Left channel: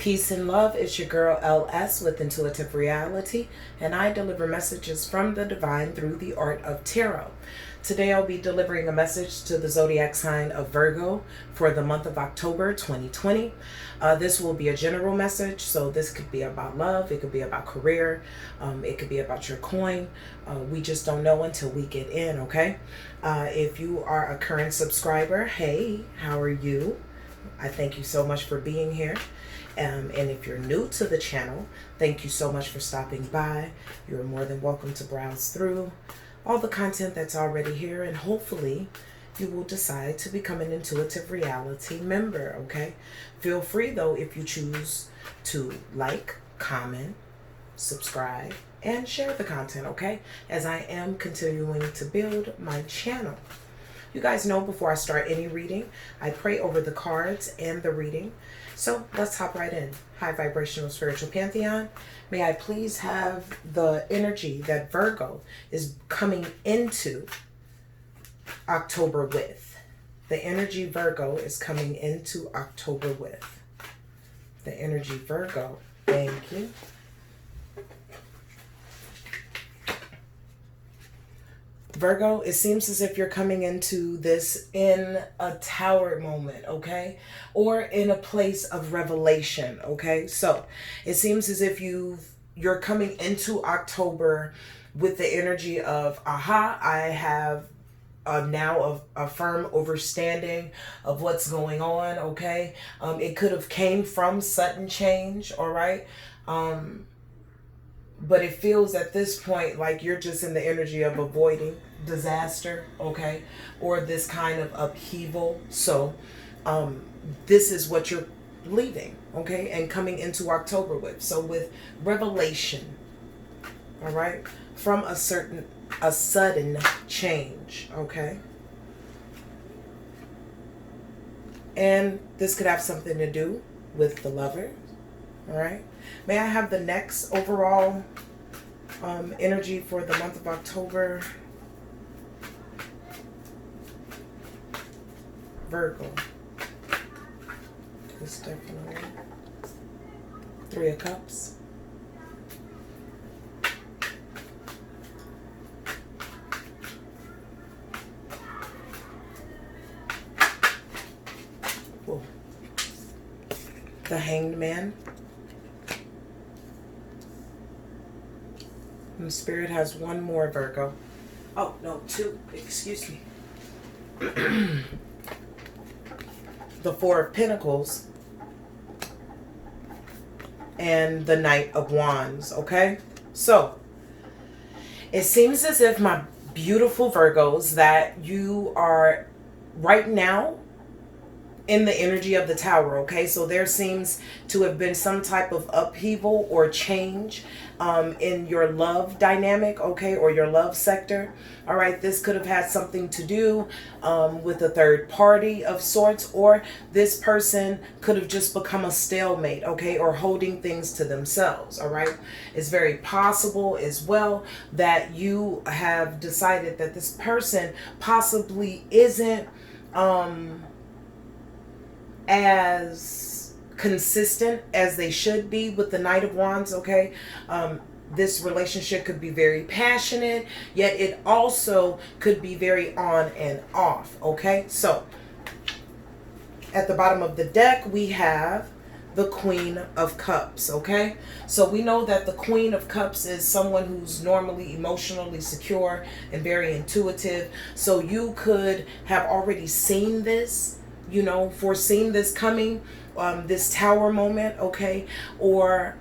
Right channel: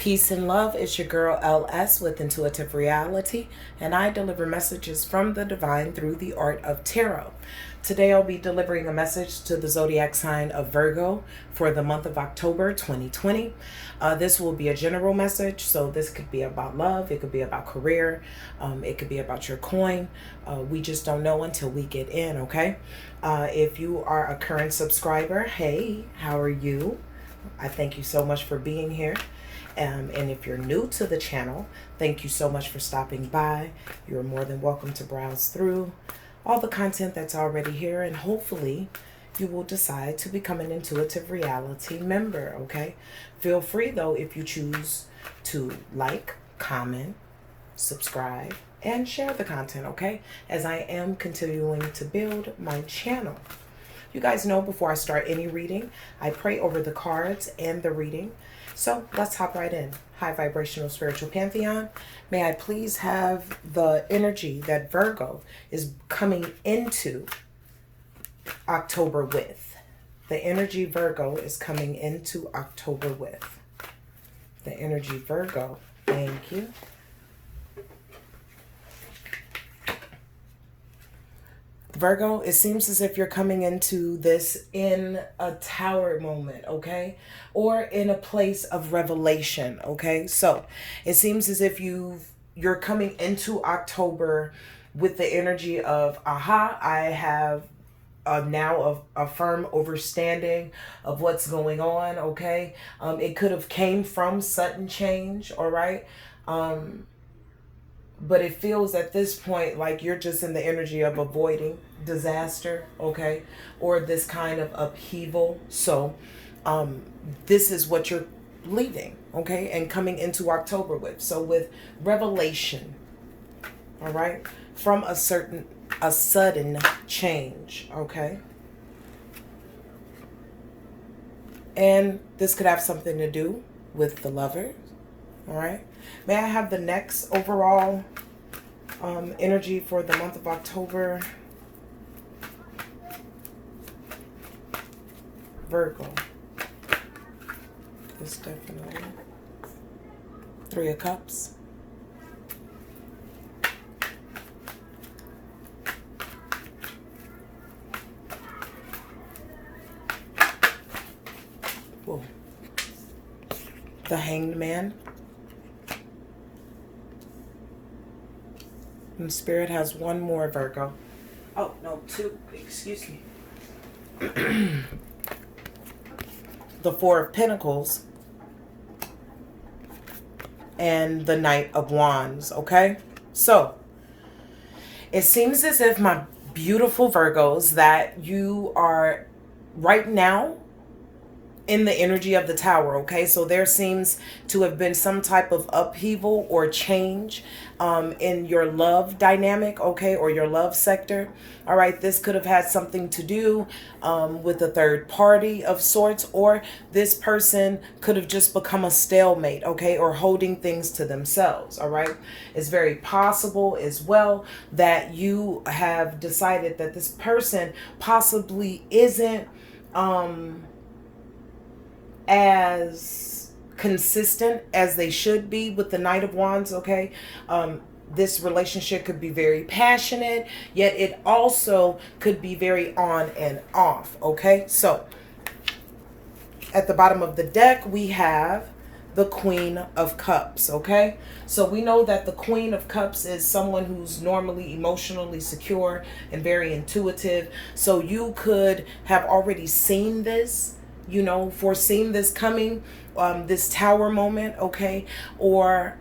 Peace and love. It's your girl LS with Intuitive Reality, and I deliver messages from the divine through the art of tarot. Today I'll be delivering a message to the zodiac sign of Virgo for the month of October 2020. This will be a general message, so this could be about love, it could be about career, it could be about your coin. We just don't know until we get in, okay? If you are a current subscriber, hey, how are you? I thank you so much for being here. And if you're new to the channel, thank you so much for stopping by. You're more than welcome to browse through all the content that's already here, and hopefully you will decide to become an Intuitive Reality member, okay? Feel free, though, if you choose to like, comment, subscribe, and share the content, okay? As I am continuing to build my channel. You guys know before I start any reading, I pray over the cards and the reading. So let's hop right in. High vibrational spiritual pantheon. May I please have the energy that Virgo is coming into October with. The energy Virgo is coming into October with. The energy Virgo. Thank you. Virgo, it seems as if you're coming into this in a tower moment, okay? Or in a place of revelation, okay? So it seems as if you're coming into October with the energy of, aha, I have now a firm understanding of what's going on, okay? It could have came from sudden change, all right? But it feels at this point like you're just in the energy of avoiding disaster, okay? Or this kind of upheaval. So this is what you're leaving, okay? And coming into October with. So with revelation, all right? From a sudden change, okay? And this could have something to do with the lover, all right? May I have the next overall energy for the month of October? Virgo. It's definitely Three of Cups. Whoa. The Hanged Man. And Spirit has one more, Virgo. Oh, no, two. Excuse me. The Four of Pentacles and the Knight of Wands, okay? So, it seems as if, my beautiful Virgos, that you are right now in the energy of the Tower, okay? So there seems to have been some type of upheaval or change in your love dynamic, okay? Or your love sector, all right? This could have had something to do with a third party of sorts, or this person could have just become a stalemate, okay? Or holding things to themselves, all right? It's very possible as well that you have decided that this person possibly isn't as consistent as they should be with the Knight of Wands, okay? This relationship could be very passionate, yet it also could be very on and off, okay? So, at the bottom of the deck, we have the Queen of Cups, okay? So we know that the Queen of Cups is someone who's normally emotionally secure and very intuitive. So you could have already seen this, you know, foreseen this coming, this Tower moment, okay? Or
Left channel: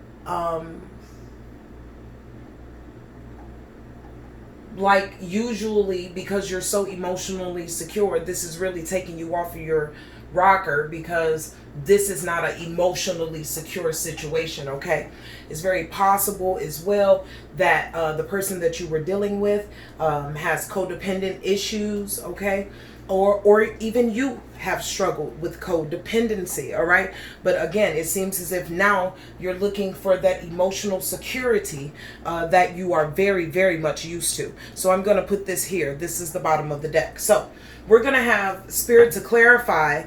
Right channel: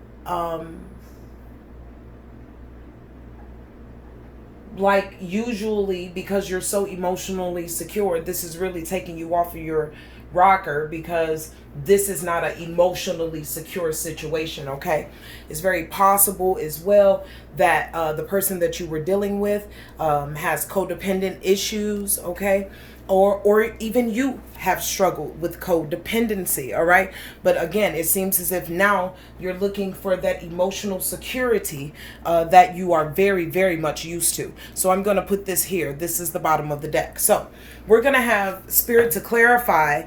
like usually, because you're so emotionally secure, this is really taking you off of your rocker, because this is not an emotionally secure situation, okay? It's very possible as well that the person that you were dealing with has codependent issues, okay? Or even you have struggled with codependency, all right? But again, it seems as if now you're looking for that emotional security that you are very, very much used to. So I'm going to put this here. This is the bottom of the deck. So we're going to have Spirit to clarify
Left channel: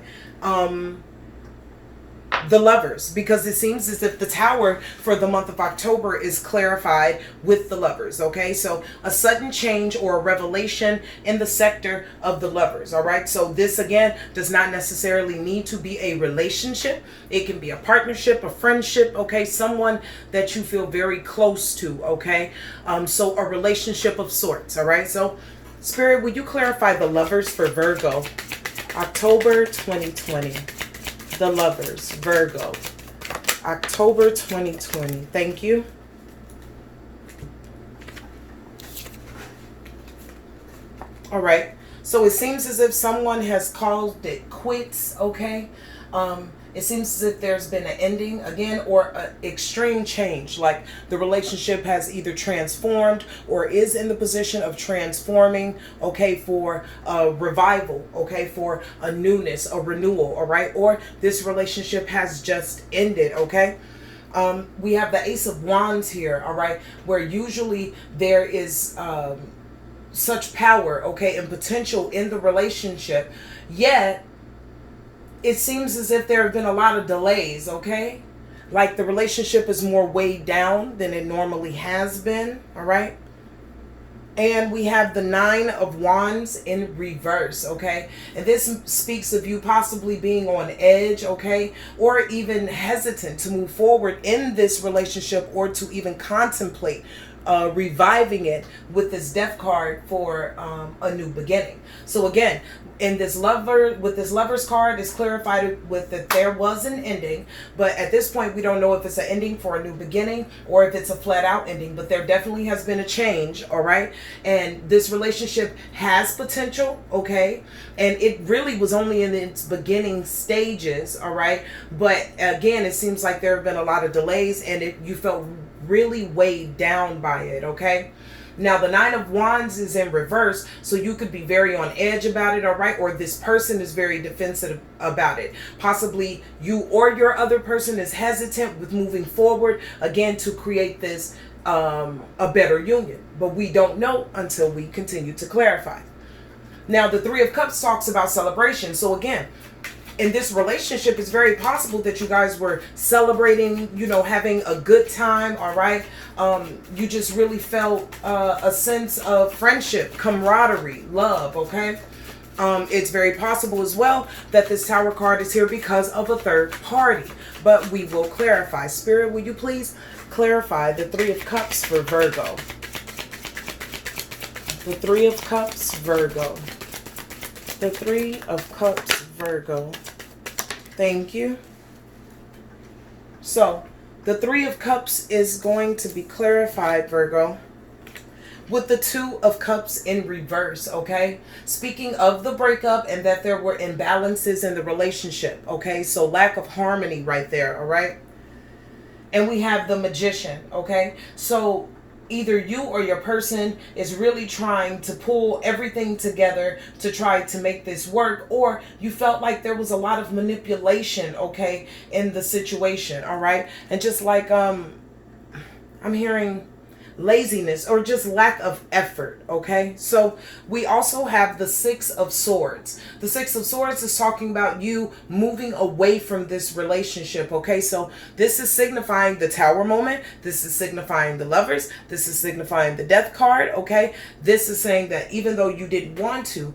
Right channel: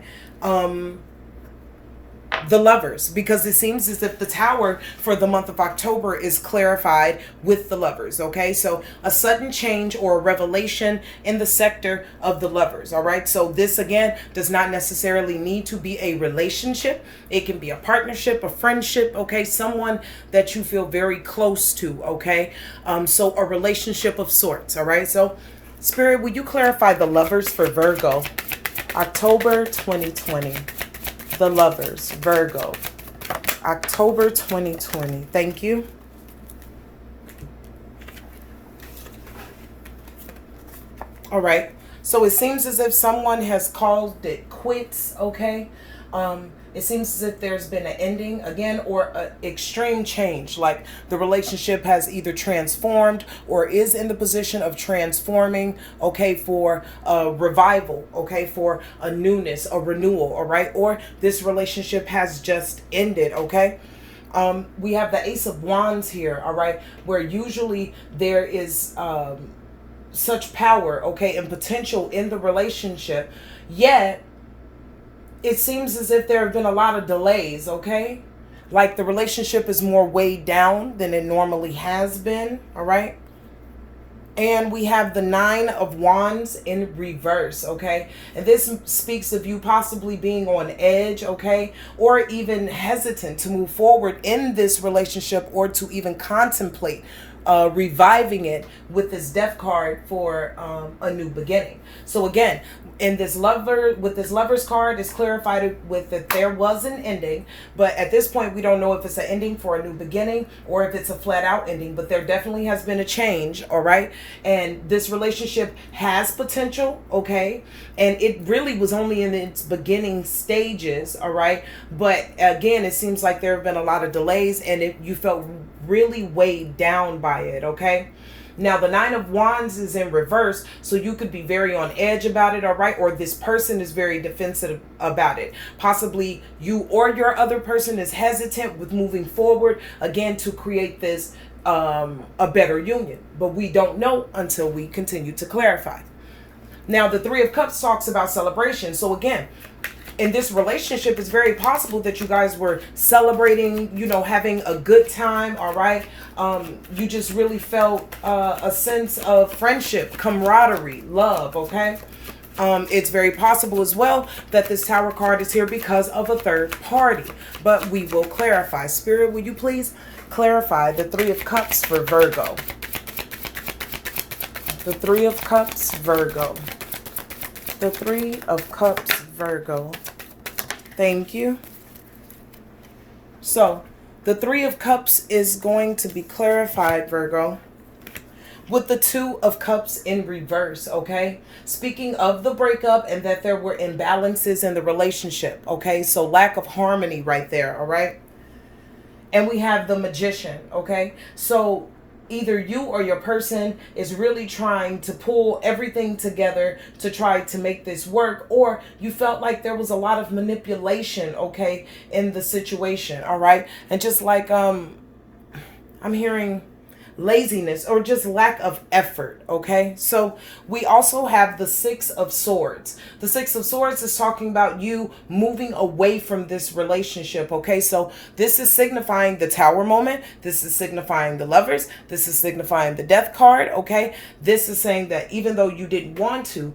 the Lovers, because it seems as if the Tower for the month of October is clarified with the Lovers. Okay, so a sudden change or a revelation in the sector of the Lovers. All right, so this again does not necessarily need to be a relationship. It can be a partnership, a friendship, okay, someone that you feel very close to. Okay, so a relationship of sorts. All right, so Spirit, will you clarify the Lovers for Virgo, October 2020? The Lovers, Virgo, October 2020. Thank you. All right. So it seems as if someone has called it quits, okay? It seems as if there's been an ending again or an extreme change. Like the relationship has either transformed or is in the position of transforming, okay, for a revival, okay, for a newness, a renewal, all right? Or this relationship has just ended, okay? We have the Ace of Wands here, all right, where usually there is such power, okay, and potential in the relationship, yet it seems as if there have been a lot of delays, okay? Like the relationship is more weighed down than it normally has been, all right? And we have the Nine of Wands in reverse, okay? And this speaks of you possibly being on edge, okay? Or even hesitant to move forward in this relationship or to even contemplate reviving it with this Death card for a new beginning. So again, in this Lovers card, it's clarified with that there was an ending, but at this point we don't know if it's an ending for a new beginning or if it's a flat out ending, but there definitely has been a change, all right? And this relationship has potential, okay? And it really was only in its beginning stages, all right? But again, it seems like there have been a lot of delays and you felt really weighed down by it, okay? Now, the Nine of Wands is in reverse, so you could be very on edge about it, all right? Or this person is very defensive about it. Possibly you or your other person is hesitant with moving forward, again, to create this, a better union. But we don't know until we continue to clarify. Now, the Three of Cups talks about celebration. So again, in this relationship, it's very possible that you guys were celebrating, you know, having a good time, all right? You just really felt a sense of friendship, camaraderie, love, okay? It's very possible as well that this Tower card is here because of a third party, but we will clarify. Spirit, will you please clarify the Three of Cups for Virgo? The Three of Cups, Virgo. The Three of Cups, Virgo. Thank you. So, the Three of Cups is going to be clarified, Virgo, with the Two of Cups in reverse, okay? Speaking of the breakup and that there were imbalances in the relationship, okay? So, lack of harmony right there, all right? And we have the Magician, okay? So, either you or your person is really trying to pull everything together to try to make this work, or you felt like there was a lot of manipulation, okay, in the situation, all right? And just like I'm hearing laziness or just lack of effort, okay? So we also have the Six of Swords. The Six of Swords is talking about you moving away from this relationship, okay? So this is signifying the Tower moment. This is signifying the Lovers. This is signifying the Death card, okay? This is saying that even though you didn't want to,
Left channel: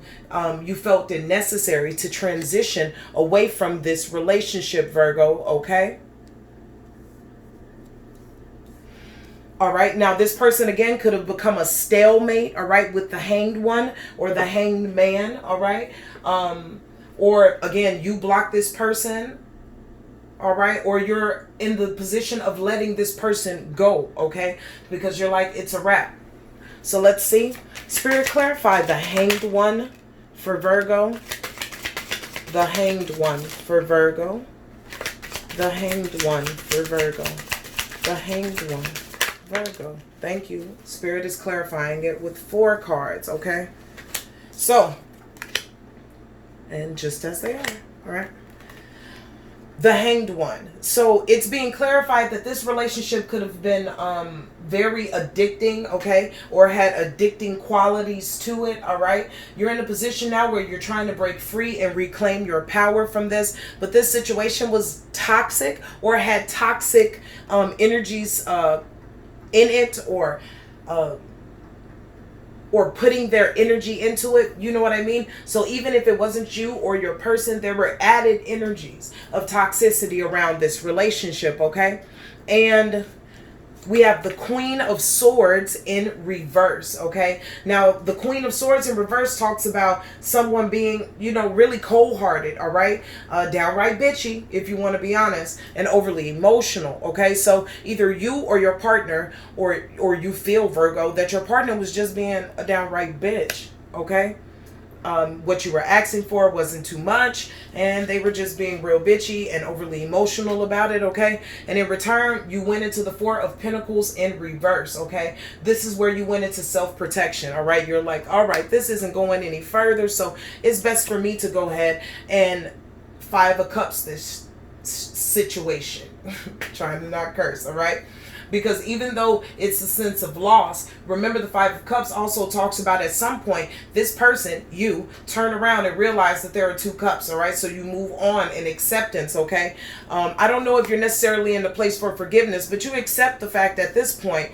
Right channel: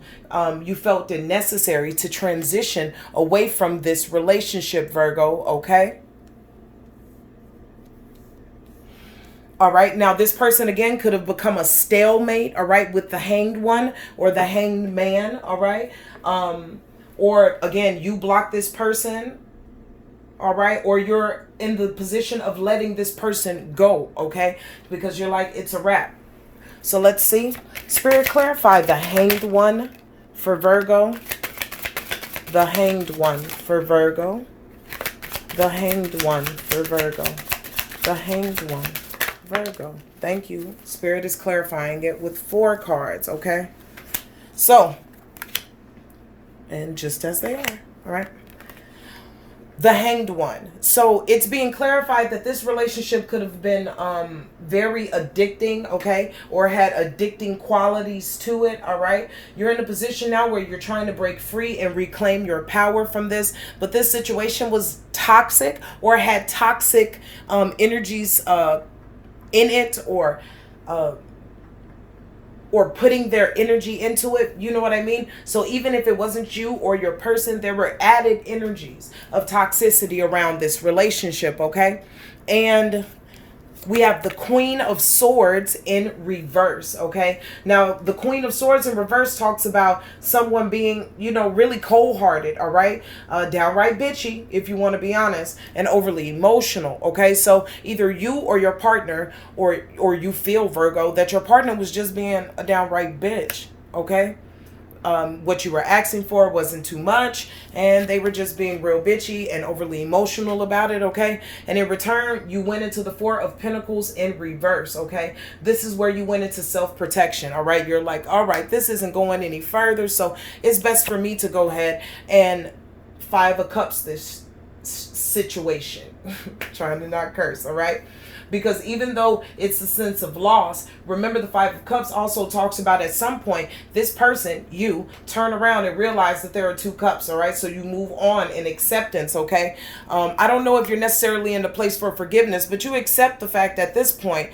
you felt it necessary to transition away from this relationship, Virgo, okay? All right. Now, this person, again, could have become a stalemate, all right, with the Hanged One or the Hanged Man, all right? Or, again, you block this person, all right? Or you're in the position of letting this person go, okay? Because you're like, it's a wrap. So let's see. Spirit, clarify the Hanged One for Virgo. The Hanged One for Virgo. The Hanged One for Virgo. The Hanged One. Virgo. Thank you. Spirit is clarifying it with 4 cards, okay? So, and just as they are, all right? the Hanged One. So it's being clarified that this relationship could have been very addicting, okay, or had addicting qualities to it. All right, you're in a position now where you're trying to break free and reclaim your power from this, but this situation was toxic or had toxic energies in it, or putting their energy into it. You know what I mean? So even if it wasn't you or your person, there were added energies of toxicity around this relationship, okay? And we have the Queen of Swords in reverse, okay? Now, the Queen of Swords in reverse talks about someone being, you know, really cold-hearted, all right? Downright bitchy, if you want to be honest, and overly emotional, okay? So either you or your partner, or you feel, Virgo, that your partner was just being a downright bitch, okay? What you were asking for wasn't too much, and they were just being real bitchy and overly emotional about it, okay? And in return, you went into the Four of Pentacles in reverse, okay? This is where you went into self-protection, all right? You're like, all right, this isn't going any further, so it's best for me to go ahead and Five of Cups this situation. Trying to not curse, all right? Because even though it's a sense of loss, remember the Five of Cups also talks about at some point, this person, you, turn around and realize that there are two cups, all right? So you move on in acceptance, okay? I don't know if you're necessarily in the place for forgiveness, but you accept the fact at this point,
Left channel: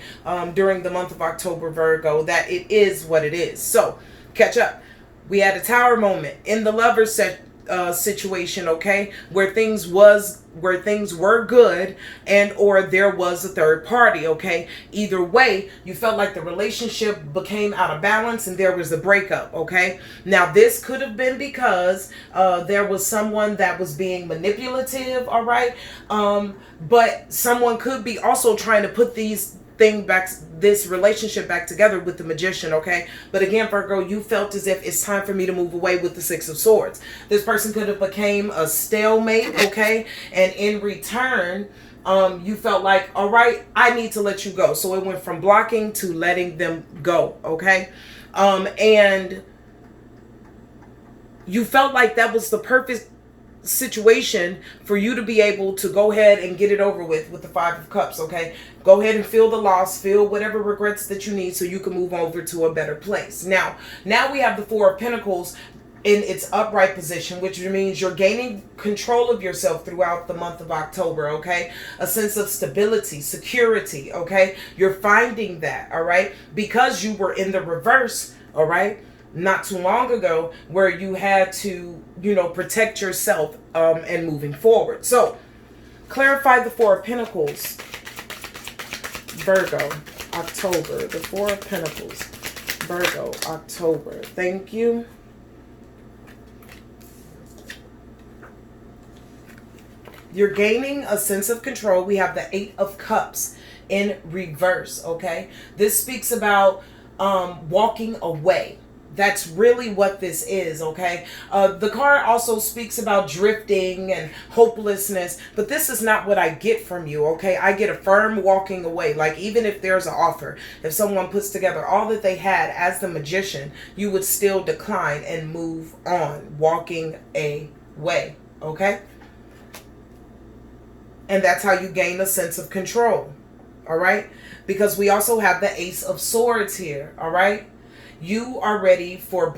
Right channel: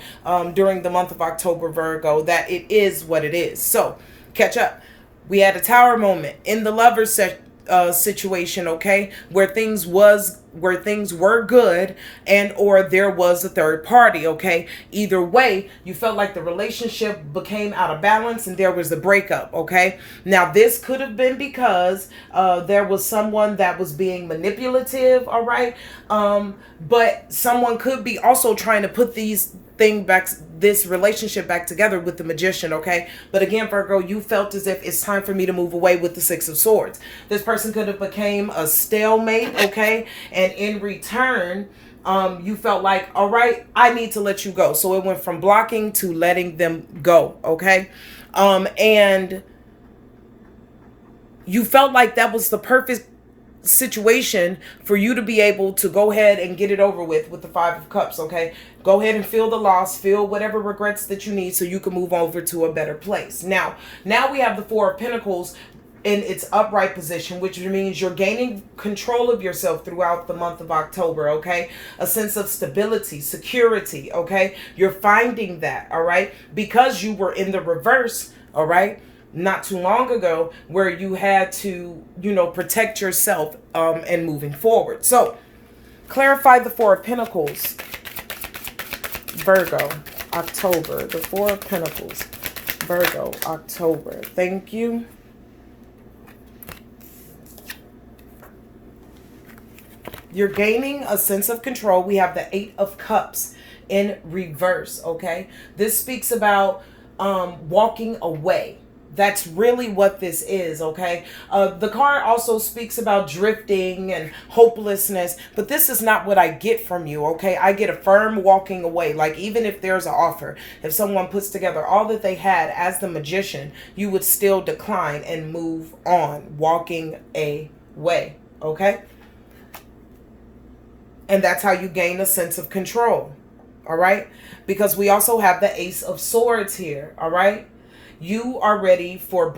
during the month of October, Virgo, that it is what it is. So, catch up. We had a Tower moment in the Lovers situation, okay, where things were good, and or there was a third party, okay? Either way, you felt like the relationship became out of balance and there was a breakup, okay? Now this could have been because there was someone that was being manipulative, all right? But someone could be also trying to put this relationship back together with the Magician, okay? But again, Virgo, you felt as if it's time for me to move away with the Six of Swords. This person could have became a stalemate, okay? And in return, you felt like, all right, I need to let you go. So it went from blocking to letting them go, okay? And you felt like that was the perfect situation for you to be able to go ahead and get it over with the Five of Cups, okay? Go ahead and feel the loss, feel whatever regrets that you need so you can move over to a better place. Now we have the Four of Pentacles in its upright position, which means you're gaining control of yourself throughout the month of October, okay? A sense of stability, security, okay? You're finding that, all right? Because you were in the reverse, all right? Not too long ago, where you had to, you know, protect yourself and moving forward. So, clarify the Four of Pentacles, Virgo, October. The Four of Pentacles, Virgo, October. Thank you. You're gaining a sense of control. We have the Eight of Cups in reverse, okay? This speaks about walking away. That's really what this is, okay? The card also speaks about drifting and hopelessness, but this is not what I get from you, okay? I get a firm walking away. Like, even if there's an offer, if someone puts together all that they had as the Magician, you would still decline and move on, walking away, okay? And that's how you gain a sense of control, all right? Because we also have the Ace of Swords here, all right? You are ready for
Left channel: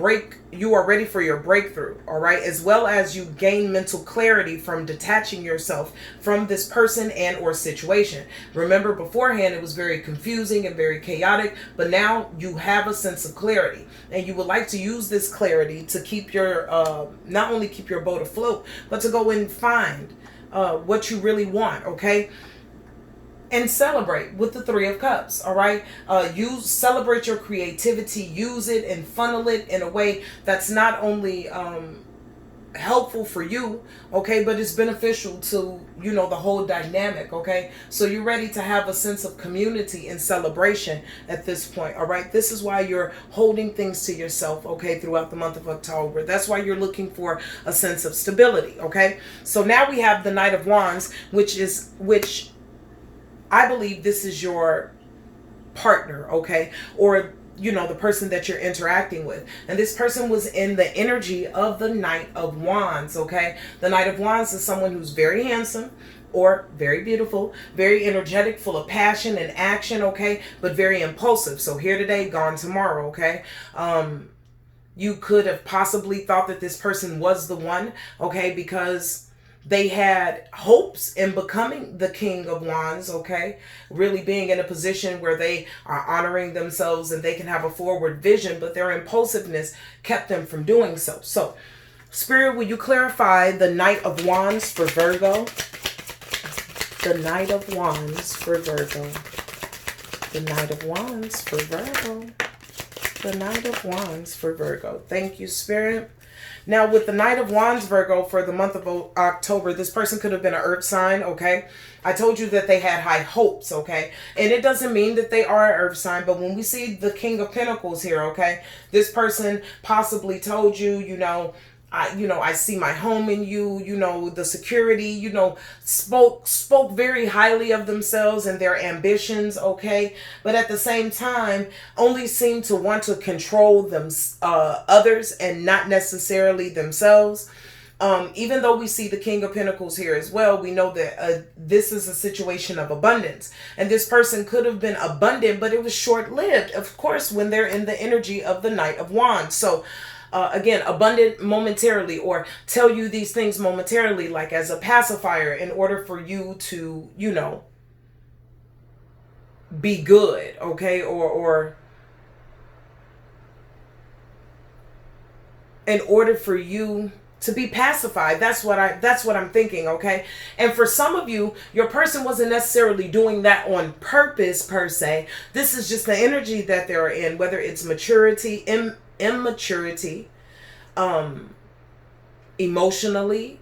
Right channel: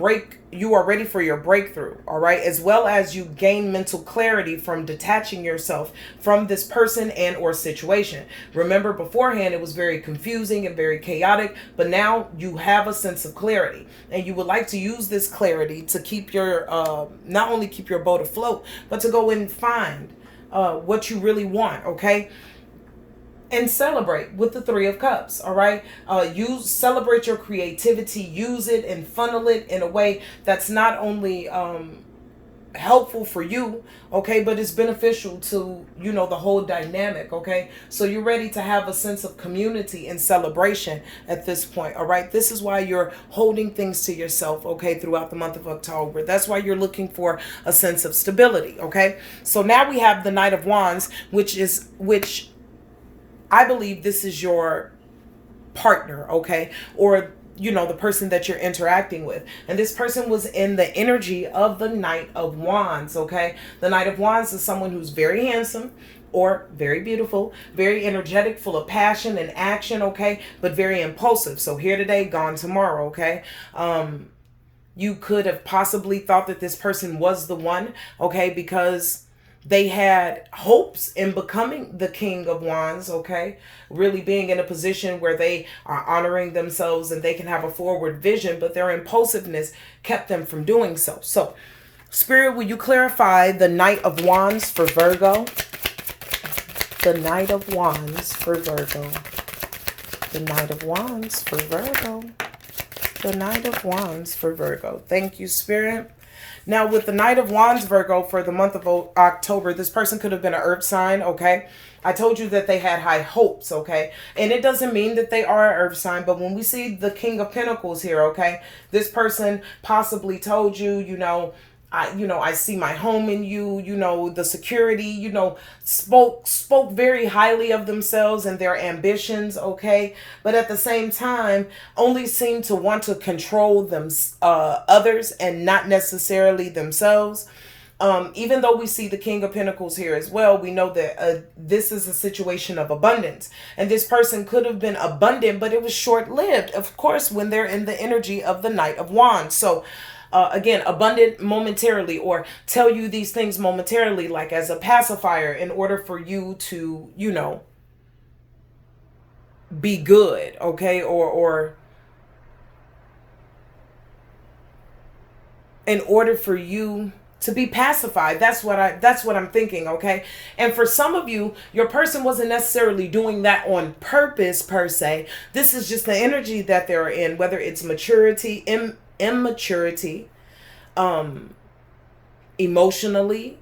your breakthrough, all right? As well as you gain mental clarity from detaching yourself from this person and or situation. Remember, beforehand it was very confusing and very chaotic, but now you have a sense of clarity, and you would like to use this clarity to keep your not only keep your boat afloat, but to go and find what you really want, okay? And celebrate with the Three of Cups, all right? Celebrate your creativity, use it and funnel it in a way that's not only helpful for you, okay, but it's beneficial to, you know, the whole dynamic, okay? So you're ready to have a sense of community and celebration at this point, all right? This is why you're holding things to yourself, okay, throughout the month of October. That's why you're looking for a sense of stability, okay? So now we have the Knight of Wands, which I believe this is your partner, okay? Or you know, the person that you're interacting with. And this person was in the energy of the Knight of Wands, okay? The Knight of Wands is someone who's very handsome or very beautiful, very energetic, full of passion and action, okay? But very impulsive. So here today, gone tomorrow, okay? You could have possibly thought that this person was the one, okay? Because they had hopes in becoming the King of Wands, okay? Really being in a position where they are honoring themselves and they can have a forward vision, but their impulsiveness kept them from doing so. So, Spirit, will you clarify the Knight of Wands for Virgo? The Knight of Wands for Virgo. The Knight of Wands for Virgo. The Knight of Wands for Virgo. Thank you, Spirit. Now, with the Knight of Wands, Virgo, for the month of October, this person could have been an earth sign, okay? I told you that they had high hopes, okay? And it doesn't mean that they are an earth sign, but when we see the King of Pentacles here, okay? This person possibly told you, I see my home in you, the security, spoke very highly of themselves and their ambitions, okay? But at the same time, only seemed to want to control them, others and not necessarily themselves. Even though we see the King of Pentacles here as well, we know that this is a situation of abundance. And this person could have been abundant, but it was short-lived, of course, when they're in the energy of the Knight of Wands. So, again, abundant momentarily, or tell you these things momentarily, like as a pacifier in order for you to, be good, okay? Or in order for you to be pacified. That's what I'm thinking, okay? And for some of you, your person wasn't necessarily doing that on purpose per se. This is just the energy that they're in, whether it's maturity, immaturity, emotionally,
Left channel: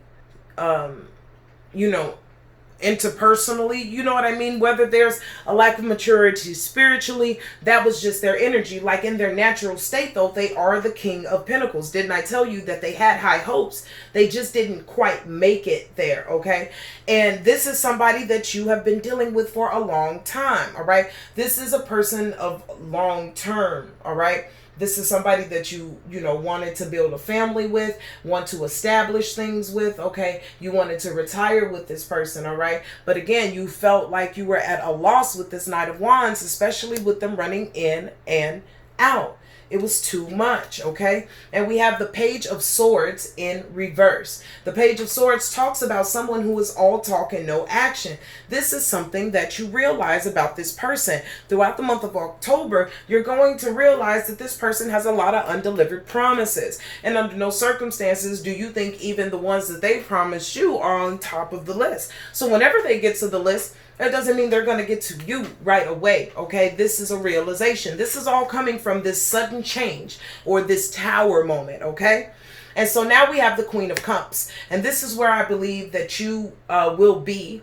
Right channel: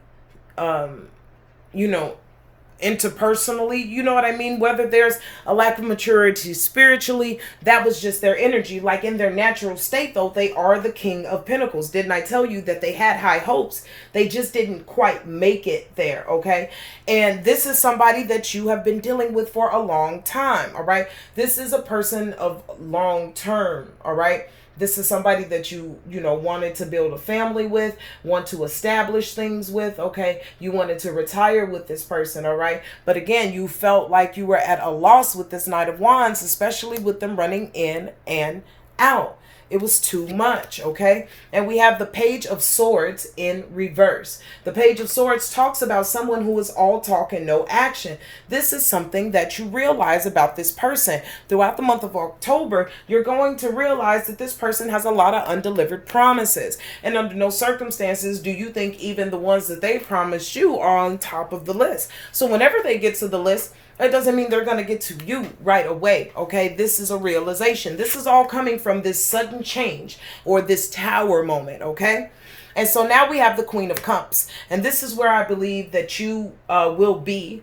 interpersonally, you know what I mean? Whether there's a lack of maturity spiritually, that was just their energy. Like in their natural state, though, they are the King of Pentacles. Didn't I tell you that they had high hopes? They just didn't quite make it there, okay? And this is somebody that you have been dealing with for a long time, all right? This is a person of long term, all right? This is somebody that you wanted to build a family with, want to establish things with, okay? You wanted to retire with this person, all right? But again, you felt like you were at a loss with this Knight of Wands, especially with them running in and out. It was too much, okay? And we have the Page of Swords in reverse. The Page of Swords talks about someone who is all talk and no action. This is something that you realize about this person. Throughout the month of October, you're going to realize that this person has a lot of undelivered promises. And under no circumstances do you think even the ones that they promised you are on top of the list. So whenever they get to the list, that doesn't mean they're going to get to you right away, okay? This is a realization. This is all coming from this sudden change or this tower moment, okay? And so now we have the Queen of Cups. And this is where I believe that you will be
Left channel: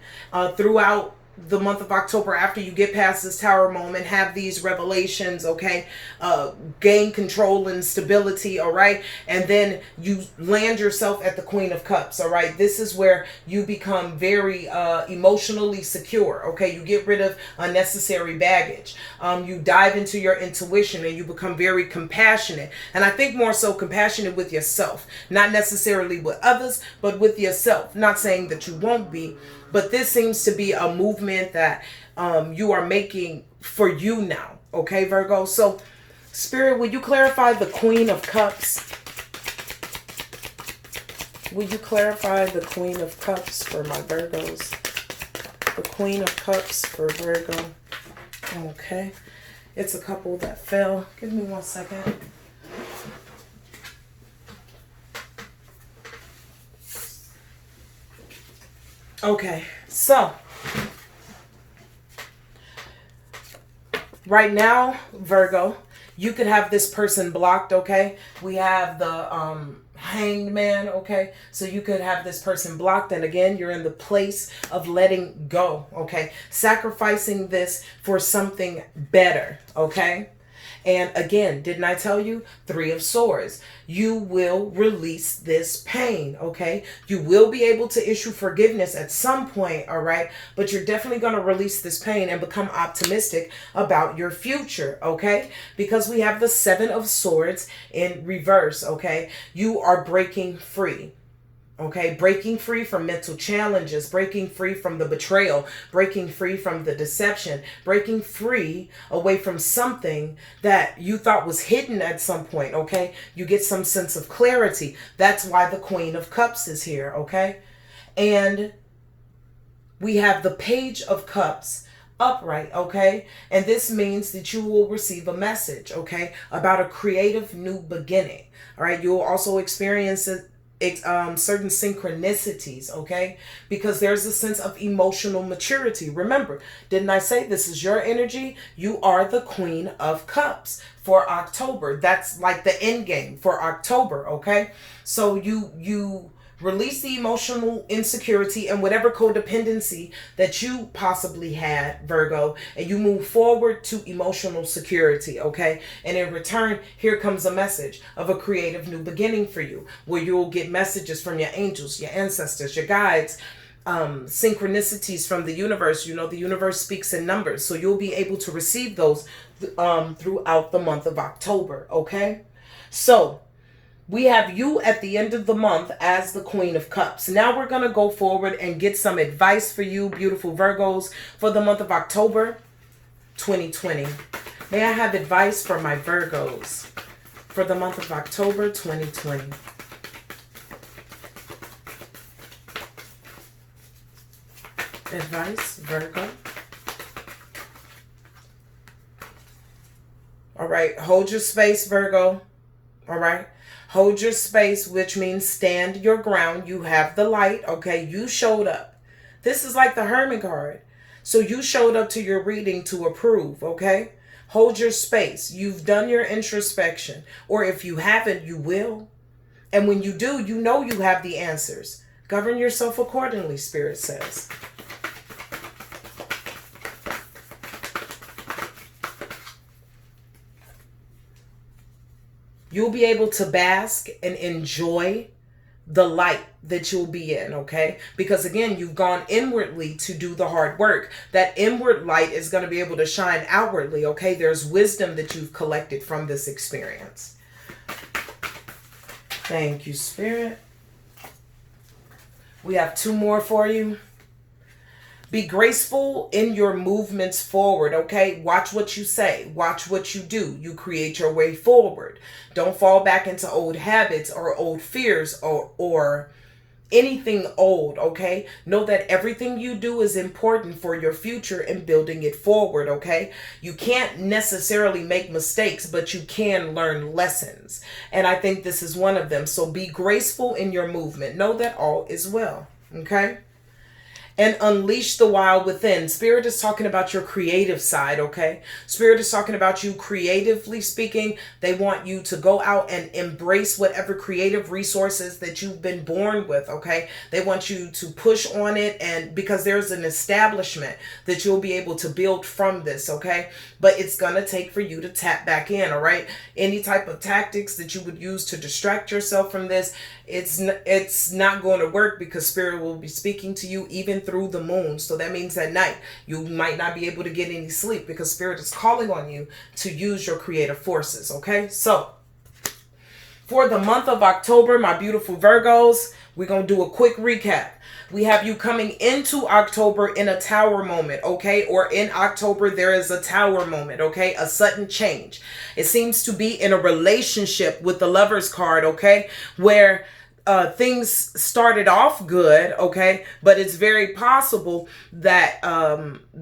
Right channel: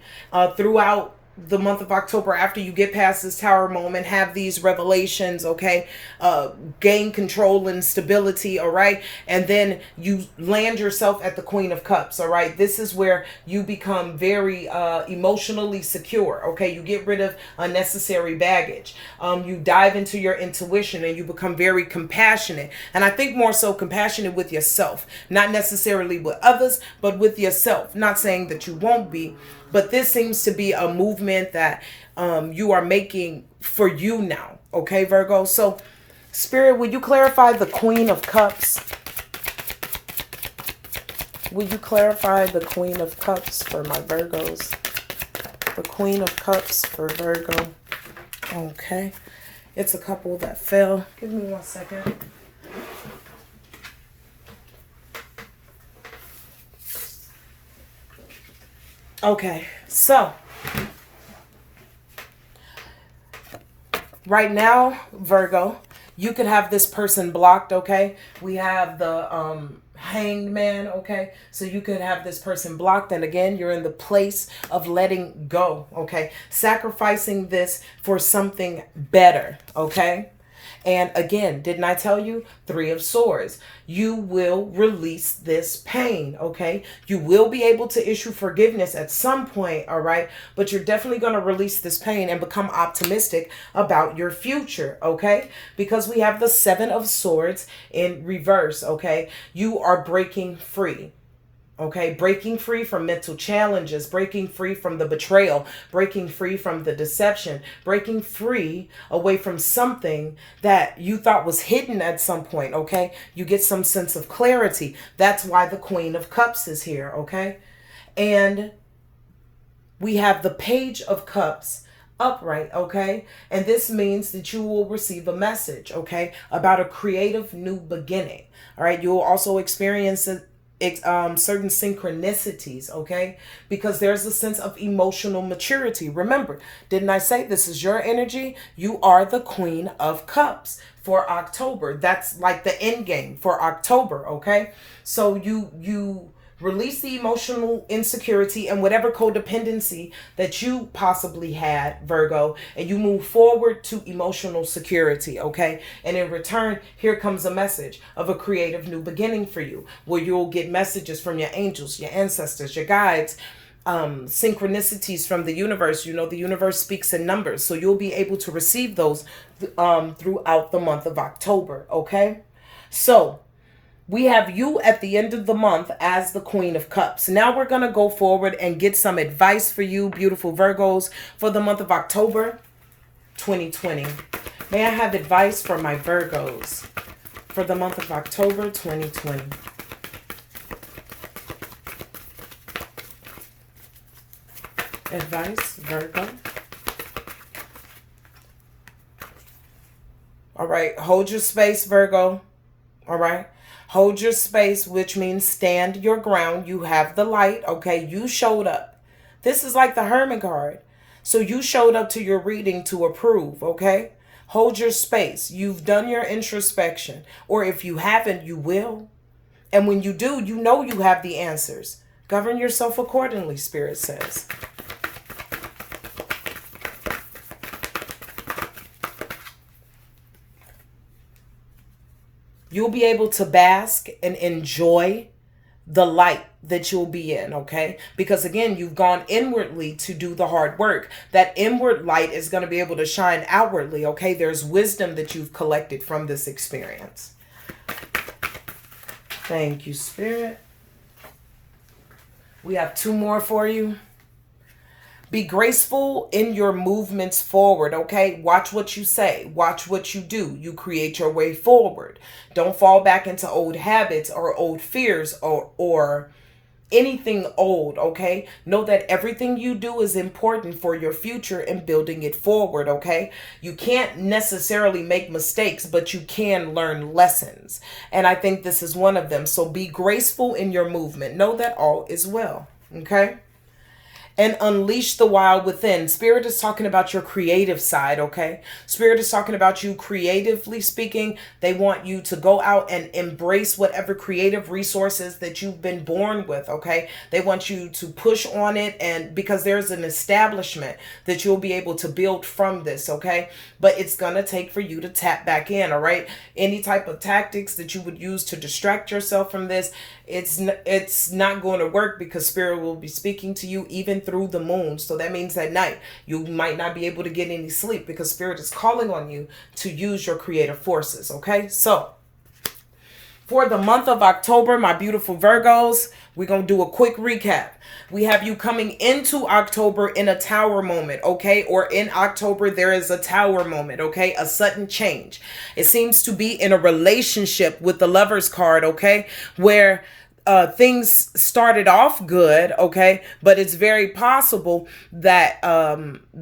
throughout the month of October, after you get past this tower moment, have these revelations, okay? Gain control and stability, all right? And then you land yourself at the Queen of Cups, all right? This is where you become very emotionally secure, okay? You get rid of unnecessary baggage. You dive into your intuition and you become very compassionate. And I think more so compassionate with yourself, not necessarily with others, but with yourself. Not saying that you won't be, but this seems to be a movement that you are making for you now. Okay, Virgo? So, Spirit, will you clarify the Queen of Cups? Will you clarify the Queen of Cups for my Virgos? The Queen of Cups for Virgo. Okay. It's a couple that fell. Give me 1 second. Okay, so right now, Virgo, you could have this person blocked, okay? We have the Hanged Man, okay? So you could have this person blocked, and again, you're in the place of letting go, okay? Sacrificing this for something better, okay? And again, didn't I tell you? Three of Swords. You will release this pain, okay? You will be able to issue forgiveness at some point, all right? But you're definitely going to release this pain and become optimistic about your future, okay? Because we have the Seven of Swords in reverse, okay? You are breaking free. Okay, breaking free from mental challenges, breaking free from the betrayal, breaking free from the deception, breaking free away from something that you thought was hidden at some point, okay? You get some sense of clarity. That's why the Queen of Cups is here, okay? And we have the Page of Cups upright, okay? And this means that you will receive a message, okay, about a creative new beginning, all right? You will also experience certain synchronicities, okay? Because there's a sense of emotional maturity. Remember, didn't I say this is your energy? You are the Queen of Cups for October. That's like the end game for October, okay? So you release the emotional insecurity and whatever codependency that you possibly had, Virgo, and you move forward to emotional security, okay? And in return, here comes a message of a creative new beginning for you, where you'll get messages from your angels, your ancestors, your guides, synchronicities from the universe. You know, the universe speaks in numbers, so you'll be able to receive those throughout the month of October, okay? So we have you at the end of the month as the Queen of Cups. Now we're going to go forward and get some advice for you, beautiful Virgos, for the month of October 2020. May I have advice for my Virgos for the month of October 2020? Advice, Virgo. All right, hold your space, Virgo. All right. Hold your space, which means stand your ground. You have the light, okay? You showed up. This is like the Hermit card. So you showed up to your reading to approve, okay? Hold your space. You've done your introspection. Or if you haven't, you will. And when you do, you know you have the answers. Govern yourself accordingly, Spirit says. You'll be able to bask and enjoy the light that you'll be in, okay? Because again, you've gone inwardly to do the hard work. That inward light is going to be able to shine outwardly, okay? There's wisdom that you've collected from this experience. Thank you, Spirit. We have two more for you. Be graceful in your movements forward, okay? Watch what you say. Watch what you do. You create your way forward. Don't fall back into old habits or old fears or anything old, okay? Know that everything you do is important for your future and building it forward, okay? You can't necessarily make mistakes, but you can learn lessons. And I think this is one of them. So be graceful in your movement. Know that all is well, okay? And unleash the wild within. Spirit is talking about your creative side, okay? Spirit is talking about you creatively speaking. They want you to go out and embrace whatever creative resources that you've been born with, okay? They want you to push on it, and because there's an establishment that you'll be able to build from this, okay? But it's going to take for you to tap back in, all right? Any type of tactics that you would use to distract yourself from this, it's not going to work, because Spirit will be speaking to you even through the moon. So that means at night you might not be able to get any sleep, because Spirit is calling on you to use your creative forces, okay? So for the month of October, my beautiful Virgos, we're going to do a quick recap. We have you coming into October in a tower moment, okay? Or in October, there is a tower moment, okay? A sudden change. It seems to be in a relationship with the Lovers card, okay? Where things started off good, okay? But it's very possible that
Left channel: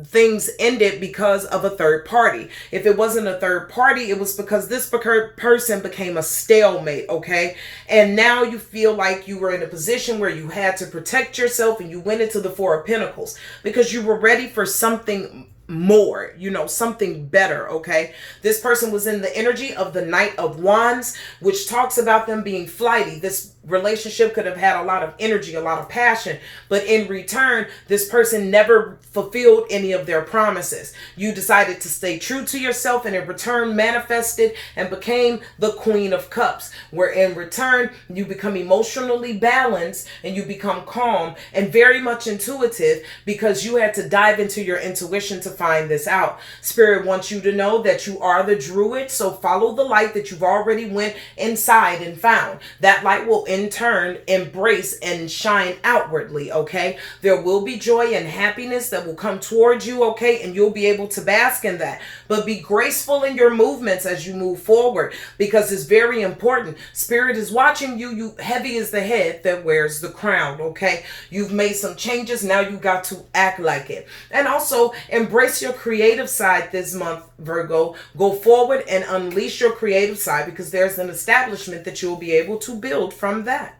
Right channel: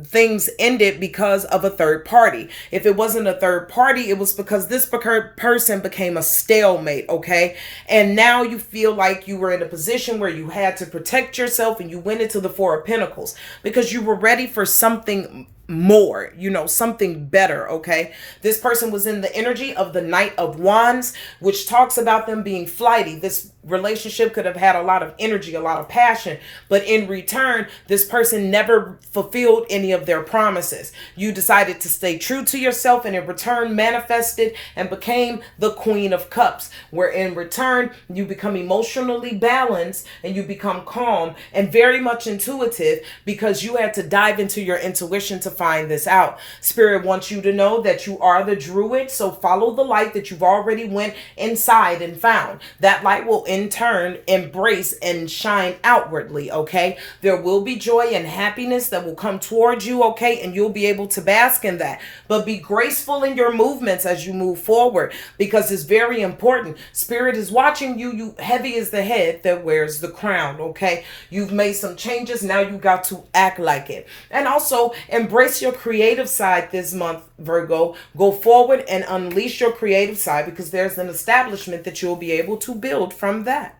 things ended because of a third party. If it wasn't a third party, it was because this person became a stalemate, okay? And now you feel like you were in a position where you had to protect yourself, and you went into the Four of Pentacles because you were ready for something more, something better, okay? This person was in the energy of the Knight of Wands, which talks about them being flighty. This relationship could have had a lot of energy, a lot of passion, but in return, this person never fulfilled any of their promises. You decided to stay true to yourself, and in return manifested and became the Queen of Cups, where in return you become emotionally balanced and you become calm and very much intuitive, because you had to dive into your intuition to find this out. Spirit wants you to know that you are the druid, so follow the light that you've already went inside and found. That light will in turn embrace and shine outwardly, okay? There will be joy and happiness that will come towards you, okay? And you'll be able to bask in that. But be graceful in your movements as you move forward, because it's very important. Spirit is watching you. You heavy is the head that wears the crown, okay? You've made some changes. Now you got to act like it. And also embrace your creative side this month, Virgo. Go forward and unleash your creative side, because there's an establishment that you'll be able to build from that.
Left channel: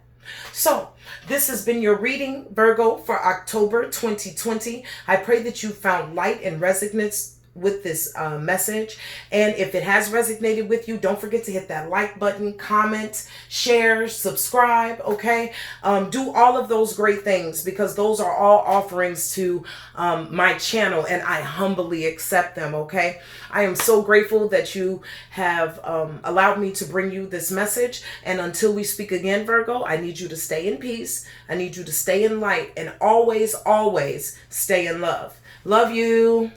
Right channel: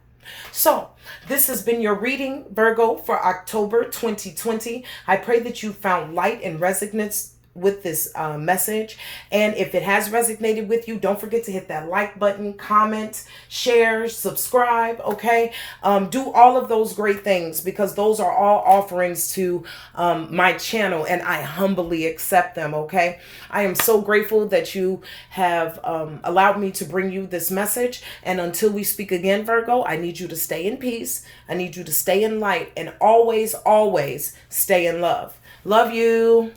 So this has been your reading, Virgo, for October 2020. I pray that you found light and resonance with this message, and if it has resonated with you, don't forget to hit that like button, comment, share, subscribe, okay? Do all of those great things, because those are all offerings to my channel, and I humbly accept them, okay? I am so grateful that you have allowed me to bring you this message, and until we speak again, Virgo, I need you to stay in peace, I need you to stay in light, and always, always stay in love. Love you.